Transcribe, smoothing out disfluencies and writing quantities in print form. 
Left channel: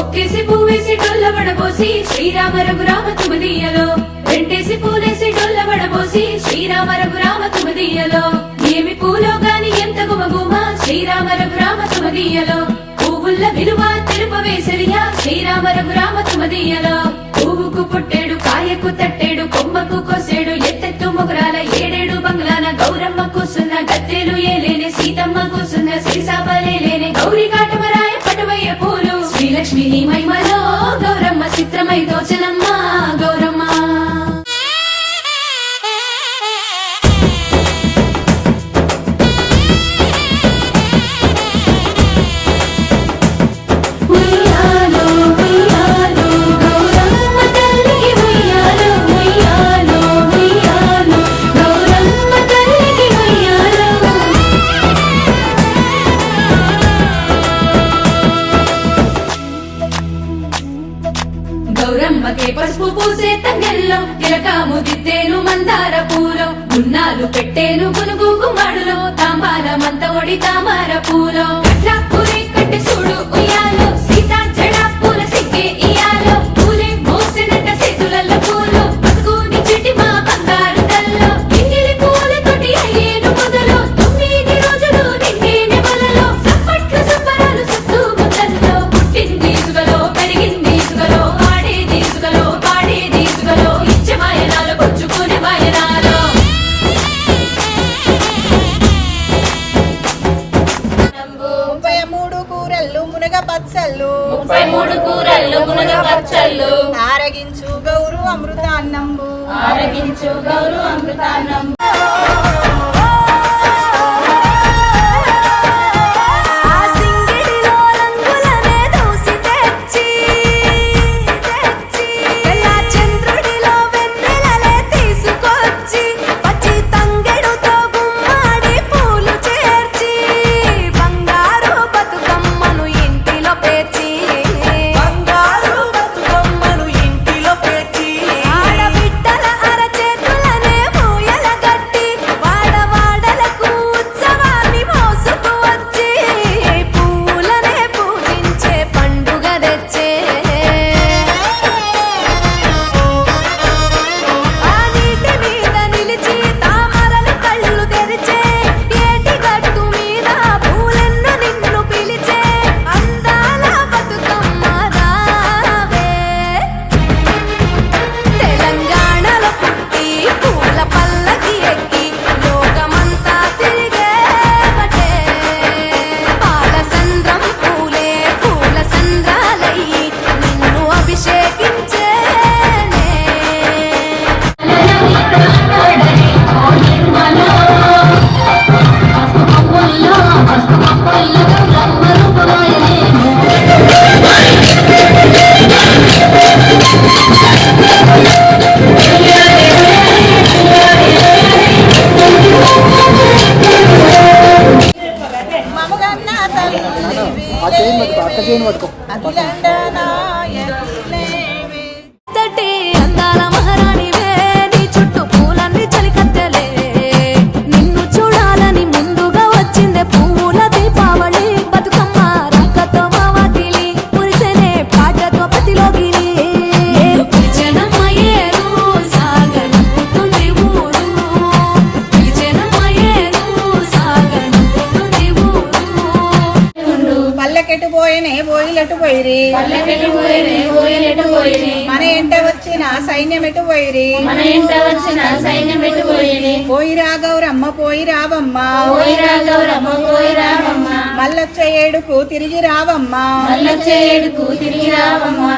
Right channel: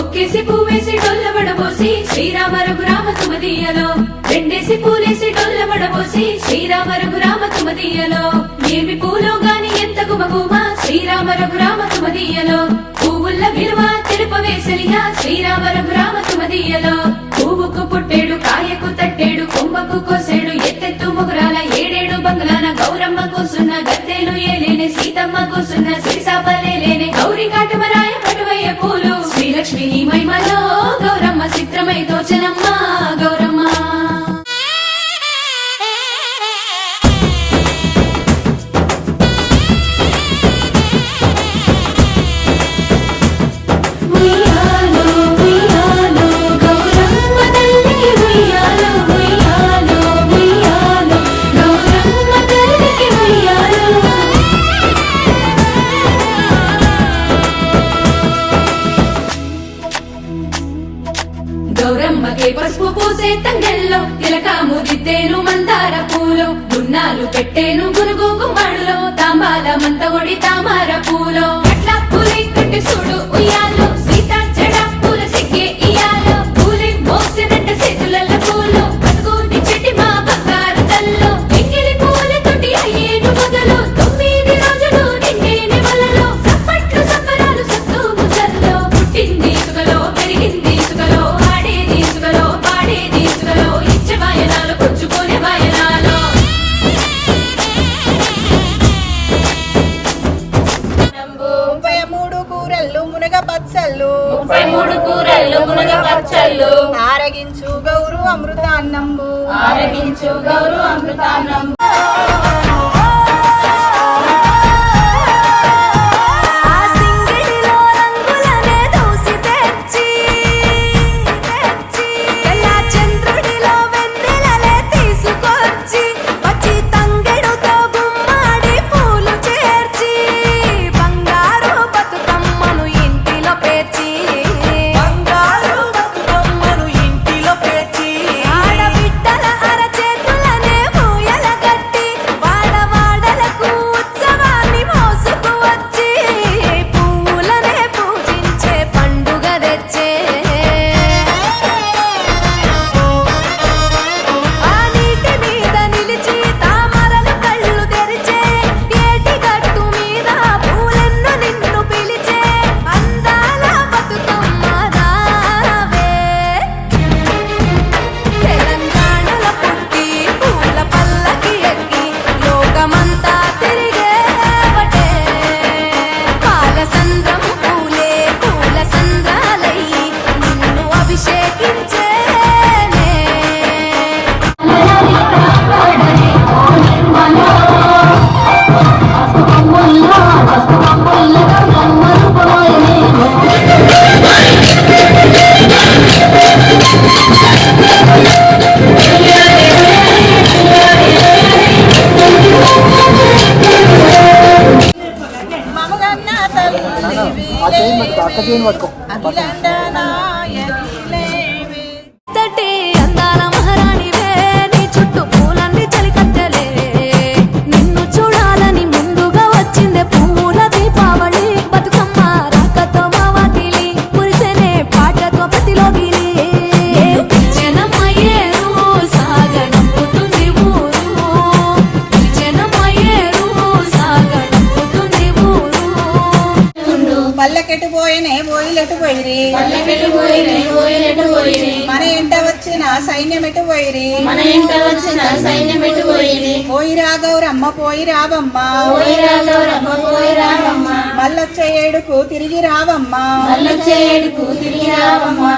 ఒక్కేసి పువ్వేసి డొల్లబడబోసి శ్రీరామ రఘురామ తుమదీయలో, రెండేసి పూలేసి డొల్లబడబోసి శ్రీరామ రఘురామ తుమదీయలో, ఏమి పూలో గాని ఎంత గుమగుమ శ్రీరామ రఘురామ తుమదీయలో, పువ్వుల్ల విలువ తెలుపవేసలియా శ్రీరామ రఘురామ తుమదీయలో, పువ్వుకు పుట్టేడు కాయకు తట్టేడు కొమ్మకు కోసేడు ఎత్తెత్తు ముగురాల ఏడేడు బంగ్లాన గౌరమ్మ కూసున్న గత్తెలు ఏలేని సీతమ్మ కూసున్న శ్రీసాపలేని గౌరీ కాటమరాయ పటువయ్య పూలు శ్రీలక్ష్మి నీ మహిమలో గౌరమ్మ చిత్రమై దోచనమ్మ గౌరమ్మ. గౌరమ్మకే పసుపు పూసే తంగెల్లో తిలకాము దిద్దేను మందార పూలో, గున్నాలు పెట్టేను గునుగు గుమాడులో తాంబాల మంత ఒడి తామర పూలో, అట్లా పూలే కట్టె చూడు ఉయ్యాలో సీతా జడ పూల సిగ్గే ఇయాలో, పూలే మోసినట్ట చేతులల్ల పూలో బతుకుని చెట్టి మా బంగారు తల్లో, ఎంగిలి పూలతోటి అయ్యేను పొదలో 9 రోజులు నిన్నేనే వలలో, సప్పట్లు సప్పరాలు సత్తు ముద్దల్లో, పుట్టింది సుగలో పెరిగింది సుగలో ఆడేది సుగలో పాడేది సుగలో ఇచ్చే వాయనాలు పుచ్చుకునే వాయనాలు. 33 కూరళ్ళు మునగ పచ్చళ్ళు 33 కూరళ్ళు మునగ పచ్చళ్ళు, ఆరగించు గౌరు అమృతాన్నంబు ఆరగించు గౌరు అమృతాన్నం. అందాల మహారాణివే నీ చుట్టూ పూలన్నీ చలికత్తెలే, నిన్ను చూడాలని ముందుగా వచ్చిందే పూల దీపావళి, బతుకమ్మ రాకతో మా వాకిలి మురిసెనే పాటతో ప్రతిలోగిలి. పల్లెకెటు పోయినే పోయిలెటు పోయిరి పల్లకెళ్ళి పోయినే పోయినట్టు పోయిని, మన ఎంట వచ్చిన సైన్యం ఎటు పోయిరి మన ఇంట వచ్చిన సైన్యం ఎటు పోయిని, పోయిరా గౌరమ్మ పోయి రావమ్మ పోయిరా గౌరమ్మ పోయి రావమ్మ, మల్లొచ్చే ఏడుకు తిరిగి రావమ్మ మల్లొచ్చే ఏడుకు తిరిగి రావమ్మ.